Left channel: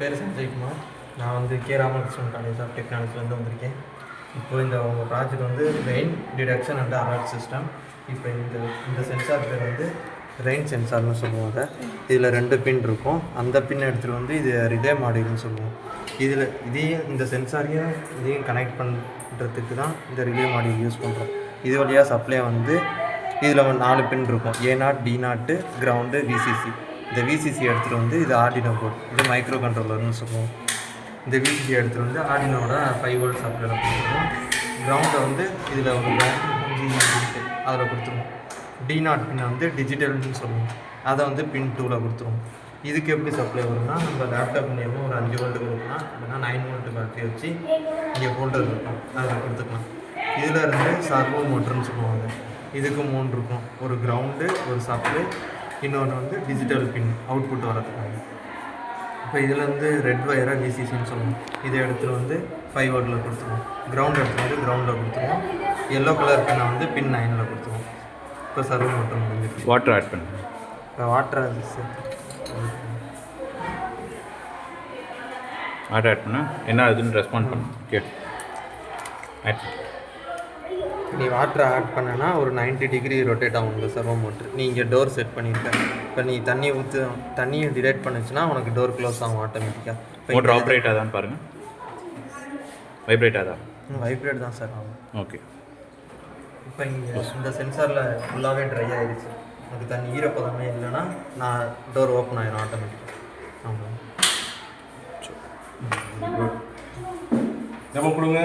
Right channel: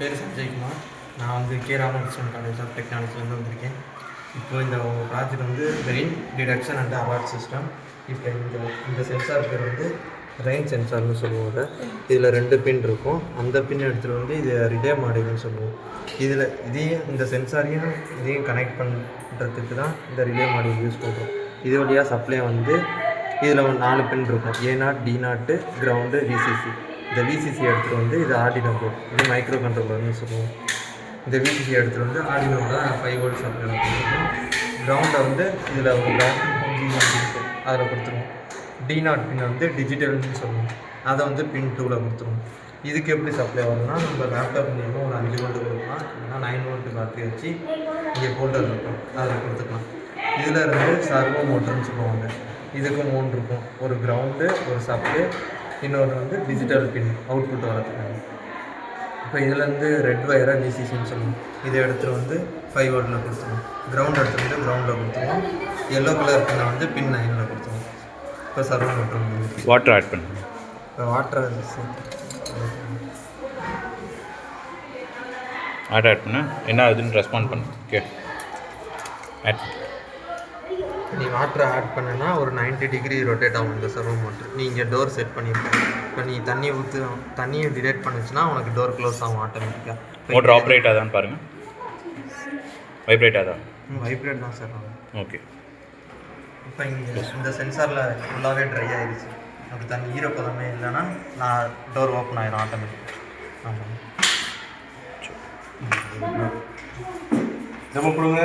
பேர் சஞ்சய்குமார். நான் வந்து கே ராமகிருஷ்ணன் காலேஜ் ஆஃப் டெக்னாலஜிலேருந்து வந்திருக்கேன். இப்போ இந்த உங்கள் ப்ராஜெக்ட் வந்து rain detection and alert system. இப்போ இந்த சென்சார் பேர் வந்து ரெயின் சென்சார்னு சொல்லுவாங்க. இதில் 2 பின் இருக்கும். அந்த பின் எடுத்துகிட்டு வந்து இது ரிலே மாடியூல்னு சொல்லுவோம். இதில் இந்த சென்சாரையும் இதையும் கனெக்ட் பண்ணுறதுக்கு தான் இந்த ரிலே மாடியூல் யூஸ் பண்ணுறோம். இது வழியாக சப்ளை வந்து இதில் 4 பின் இருக்கும். A0, D0, ground, விசிசி. இந்த விசிசி எடுத்துகிட்டு வந்து இது ஆர்டினோ போர்ட், இது மைக்ரோ கண்ட்ரோலர்னு சொல்லுவோம். இந்த விசிசி எடுத்துகிட்டு வந்து ஆர்டினோட 5 வோல்ட் சப்ளை கொடுத்துருவோம். கிரவுண்டை வந்து இதில் ஒரு அதில் கொடுத்துருவோம். D0 பின் வந்து டிஜிட்டல்னு சொல்லுவோம். அதை வந்து பின் 2ல் கொடுத்துருவோம். இதுக்கு எப்படி சப்ளை வரும்னா, நம்ம லேப்டாப் மூலியமாக ஒரு 5 வோல்ட்டு கொடுக்கலாம், இல்லைனா 9 வோல்ட்டு பேட்டரி வச்சு இங்கே ஹோல்டர் இருக்கும், அதில் கொடுத்துக்கலாம். இதில் இருந்து சர்வோ மோட்டர்னு சொல்லுவாங்க. இதுக்கு 3 இருக்கும். ஒரு கிரவுண்டு, ஒரு சப்ளை, இன்னொன்று வந்து டிஜிட்டல் பின் அவுட்புட் வரதுக்காங்க. இப்போ இதுலேருந்து ரெட் வயரை விசிசின்னு சொல்லுவோம். இதை எடுத்துகிட்டு வந்து 5 வோல்ட்டில் கொடுத்துருவோம். கிரவுண்ட் எடுத்துகிட்டு வந்து கிரவுண்டில் கொடுத்துருவோம். எல்லோ கலர் பின்னை வந்து பின் 9ல் கொடுத்துருவோம். இப்போ சர்வோ மோட்டர் வந்து வாட்டர் ஆட் பண்ணுங்க. இப்போ வாட்டர் ஆட் பண்ண என்ன ஆகுதுன்னு ரெஸ்பாண்ட் பண்ணு. ஓகே, ஆட் நீ வாட்டரை ஆட் பண்ணனா ஒரு 90 டிகிரி ரொட்டேட் ஆகும் இந்த சர்வோ மோட்டர். நீ இங்கே டோர் செட் பண்ணியிருக்க. இப்போ நீ தண்ணியை டிடெக்ட் பண்ணிச்சுன்னா உனக்கு டோர் க்ளோஸ் ஆகும் ஆட்டோமேட்டிக்காக. மோட்டர் ஆப்ரேட் ஆகுதான்னு பாருங்கள். வைப்ரேட் ஆகுதா? வைப்ரேட் தான் சார் ஆகும். ஓகே. இப்போ இங்கே இந்த சென்சாரில் ஃபுல்லாகவே ட்ரை ஆகிடுச்சு. அது தண்ணி ஈரப்பதமே இல்லைன்னா நான் டோர் ஓப்பன் ஆகிடும் ஆட்டோமேட்டிக்காக. ஆமாம், நம்ம கொடுங்க.